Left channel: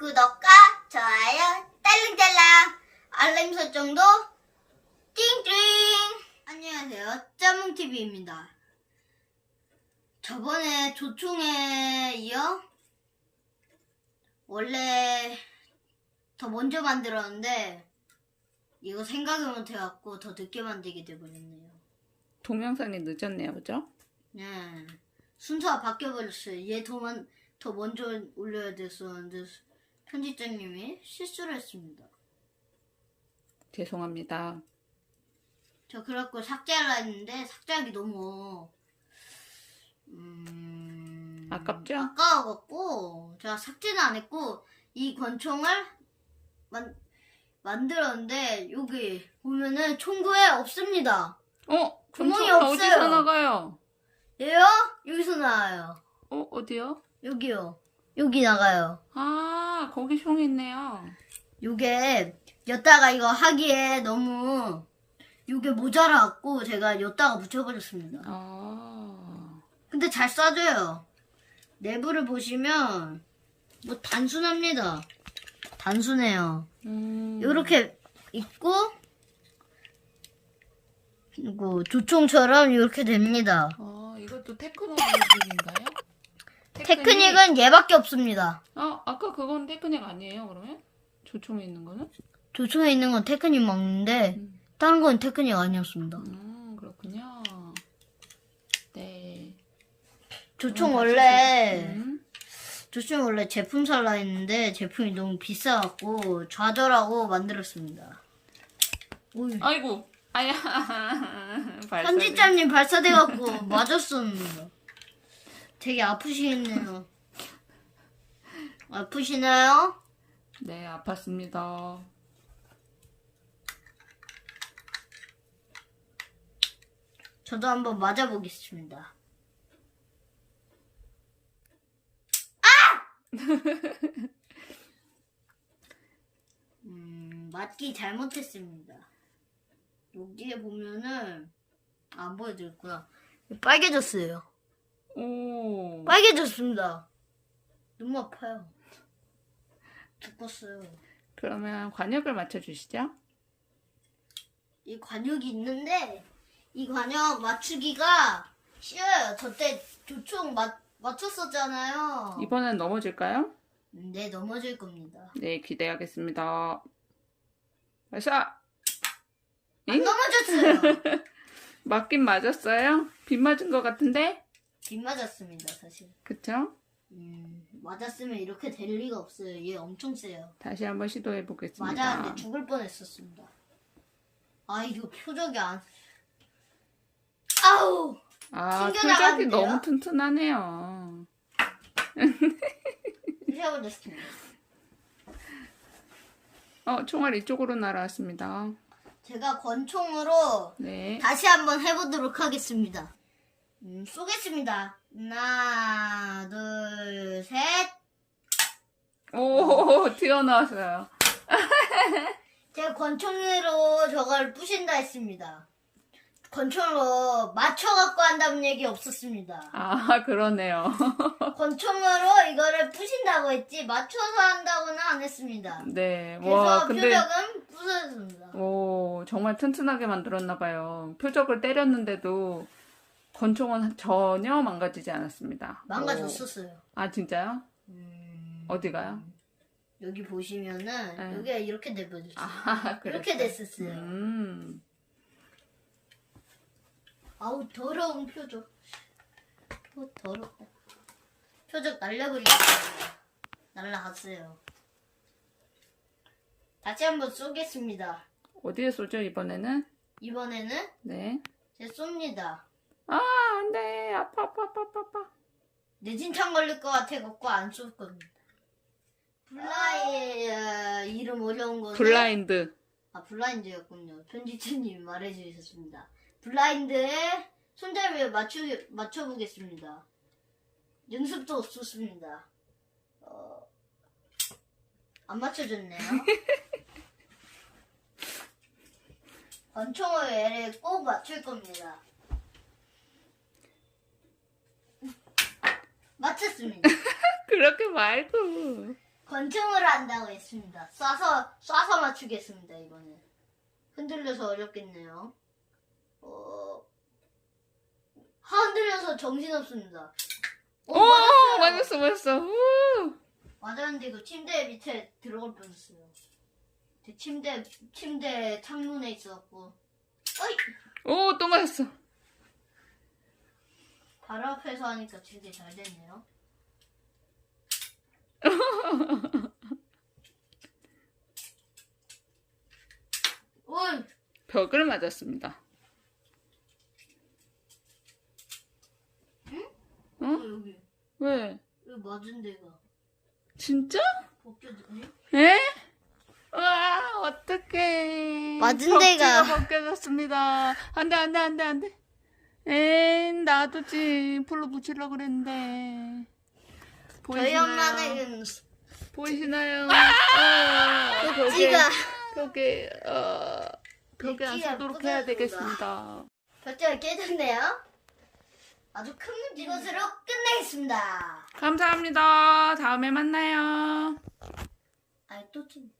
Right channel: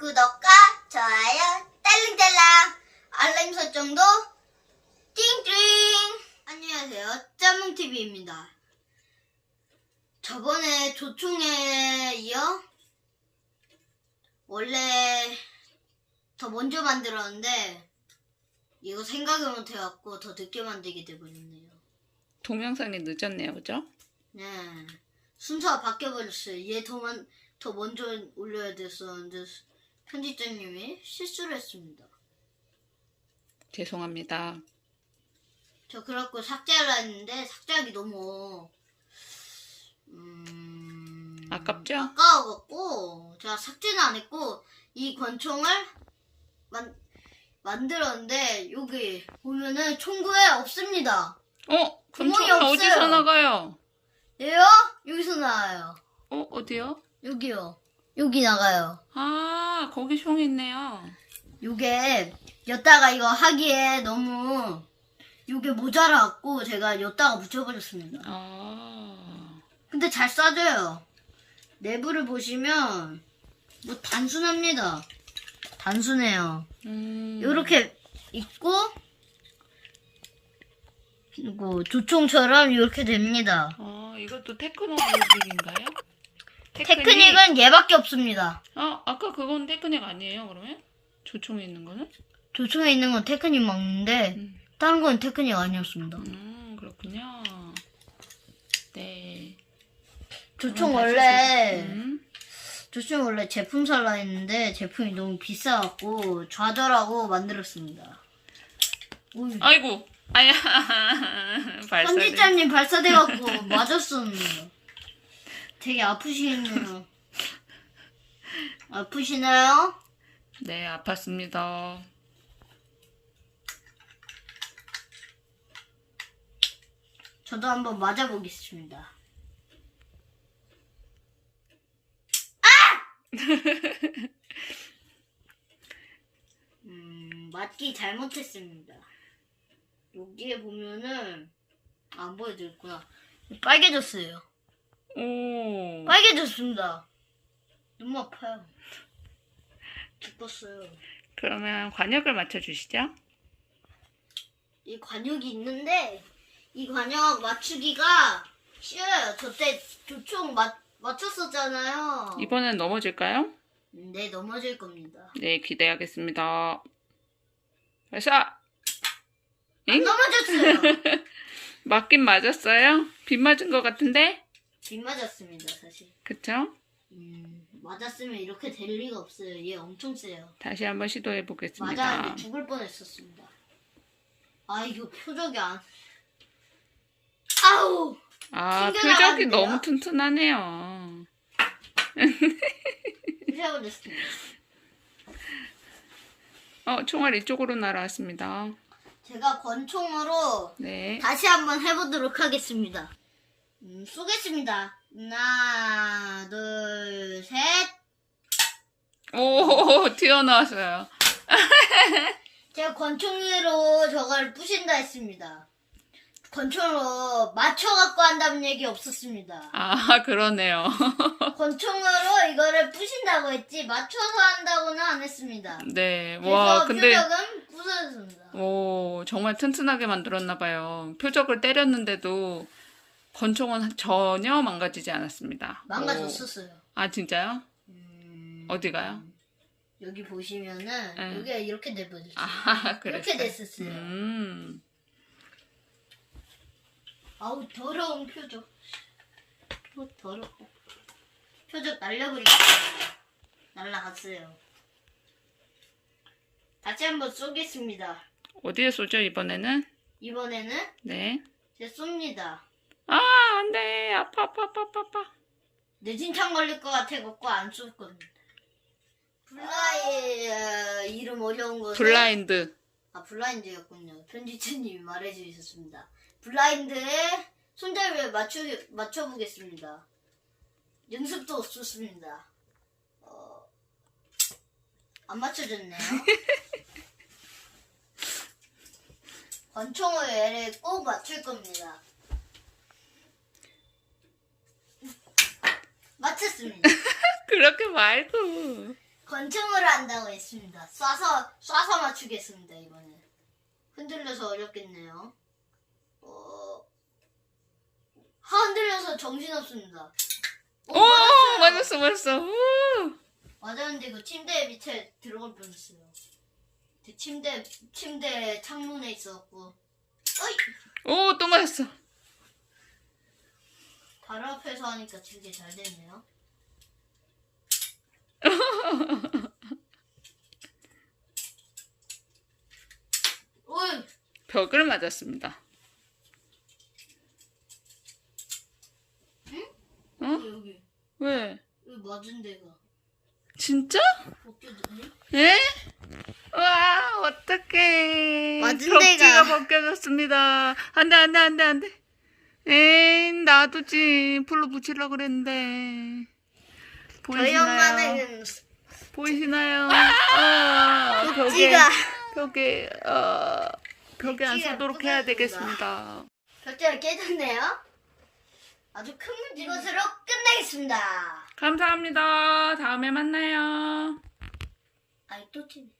구독과 좋아요 딸랑딸랑 알림 설정도 띵띵 안녕하세요 짬몽TV입니다 저번에 조총에 이어 원래 더 먼저 만들었는데 이거 생각을 못해갖고 더 늦게 만들게 돼버렸네요 동영상이 늦었네요, 그죠? 네. 순서가 바뀌어버렸어요. 얘 더, 먼, 더 먼저 올려야 됐었는데 편집자님이 실수를 했습니다. 죄송합니다. 저 그래갖고 삭제하려 했는데 삭제하기 너무 음... 아깝죠? 아까워갖고 제가 삭제는 안 했고 이 권총을 만, 만들었는데 여기 보면은 총구에 없습니다. 어? 구멍이 총 없어요. 어디서 나가요? 얘요? 여기서 나와요. 어? 어디요? 여기요. 여기 나가요. 아, 거기 총 있네요. 요게 엿다가 이거 하기에 너무 요게 모자라갖고 제가 엿다가 붙여버렸습니다. 아, 근데 잘 쏴줘요. 내부를 보시면 뭐 단순합니다. 단순해요. 음. 요렇게 있고 그리고 조총처럼 이렇게 됩니다. 아, 이것도 테크닉인가요? 테크닉은 얘밖에 없습니다. 아, 아까 그건 테크닉 아니에요, 그러면? 조총에 있는 거는? 조총에 있는 건 테크닉 맞는데 음. 다른 건 테크닉 아니었습니다. 음, 그렇군요. 네. 조총 그럼 다시 원래 소- 음. 조총 원래 제품 살라 했는데 제품이 너무 비싸갖고 좌절하고 만들었습니다. 오이. 아이고, 아야. 발사돼. 편집자님 발사돼갖고 맞았었는데 되게 아프시겠네요. 아프시나요? 네, 아팠습니다. 저도 한번 맞아보겠습니다. 아! 음, 맞기 잘못했습니다. 여기에 보면은 안 보여드릴 거야. 빨개졌어요. 오. 빨개졌습니다. 너무 아파요. 죽었어요. 그러면 관역을 맞춰주시죠. 이 관역이 있는데 이 관역 맞추기가 쉬워요. 저때 조총 맞, 맞췄었잖아요. 이번엔 넘어질까요? 네, 넘어질 겁니다. 네, 기대하겠습니다. 발사! 안 엥? 넘어졌어요. 맞긴 맞았어요? 빗 맞은 것 같은데? 빗 맞았습니다, 사실. 그쵸? 음, 맞았으면 이렇게 될 리가 없어요. 얘 엄청 세요. 다시 한번 시도해 보겠습니다. 맞았는데 죽을 뻔했었습니다. 아, 이거 표적이 안. 아우! 아, 튕겨나가는데요? 표적이 너무 튼튼하네요. 어, 총알 이쪽으로 날아왔습니다. 제가 권총으로 네. 다시 한번 해보도록 하겠습니다. 음, 쏘겠습니다. 하나, 둘, 셋. 오, 튀어나왔어요. 제가 권총으로 저걸 부신다 했습니다. 권총으로 맞춰갖고 한다는 얘기 없었습니다. 아, 그러네요. 권총으로 이거를 부신다고 했지 맞춰서 한다고는 안 했습니다. 네. 와, 근데, 표적은 부서졌습니다. 오, 정말 튼튼하게 만들었나 봐요. 표적을 때렸는데도 권총은 전혀 망가지지 않았습니다. 오. 망가졌었어요. 아, 진짜요? 음, 어디가요? 여기 보시면은 네. 여기가 이렇게 돼버렸어요. 아. 이렇게 됐었어요. 음. 아우 더러운 표적. 표 더러워. 표적 날려버리겠습니다. 날라갔어요. 다시 한번 쏘겠습니다. 어디에 쏘죠, 이번에는? 이번에는 네. 제 쏩니다. 아, 안 돼. 아파, 아파, 아파, 아파, 아파. 뇌진탕 걸릴 것 같아 갖고 안쏠 겁니다. 블라이 어, 이름 어려운 거. 블라인드. 아 블라인드였군요. 편집자님이 말해주셨습니다. 블라인드에 손잡이를 맞추 맞춰보겠습니다. 연습도 없었습니다. 어, 안 맞춰졌네요. 권총을 얘를 꼭 맞출 겁니다. 맞췄습니다. 그렇게 말고. 권총으로 한다고 했습니다. 쏴서 쏴서 맞추겠습니다 이번에. 흔들려서 어렵겠네요. 어... 하 흔들려서 정신 없습니다. 오 맞았어 맞았어. 우! 맞았는데 그 침대 밑에 들어갈 뻔했어요. 그 침대 침대 창문에 있었고. 어이 오 또 맞았어. 바로 앞에서 하니까 되게 잘 됐네요. 어이 벽을 맞았습니다. 어? 여기 왜? 여기 맞은 데가 진짜? 벗겨졌네. 에? 와 어떡해. 맞은 벽지가 데가. 벗겨졌습니다. 안 돼 안 돼 안 돼 안 돼. 에이 놔두지 풀로 붙이려고 그랬는데. 저희 보이시나요? 엄마는 보이시나요? 아, 벽에 벽지가 벽에 어 벽에 안 서도록 해야 부서졌습니다. 되겠습니다. 벽지가 깨졌네요. 아주 큰. 이것으로 끝내겠습니다. 감사합니다. 다음에 만나요. 아이 또 침.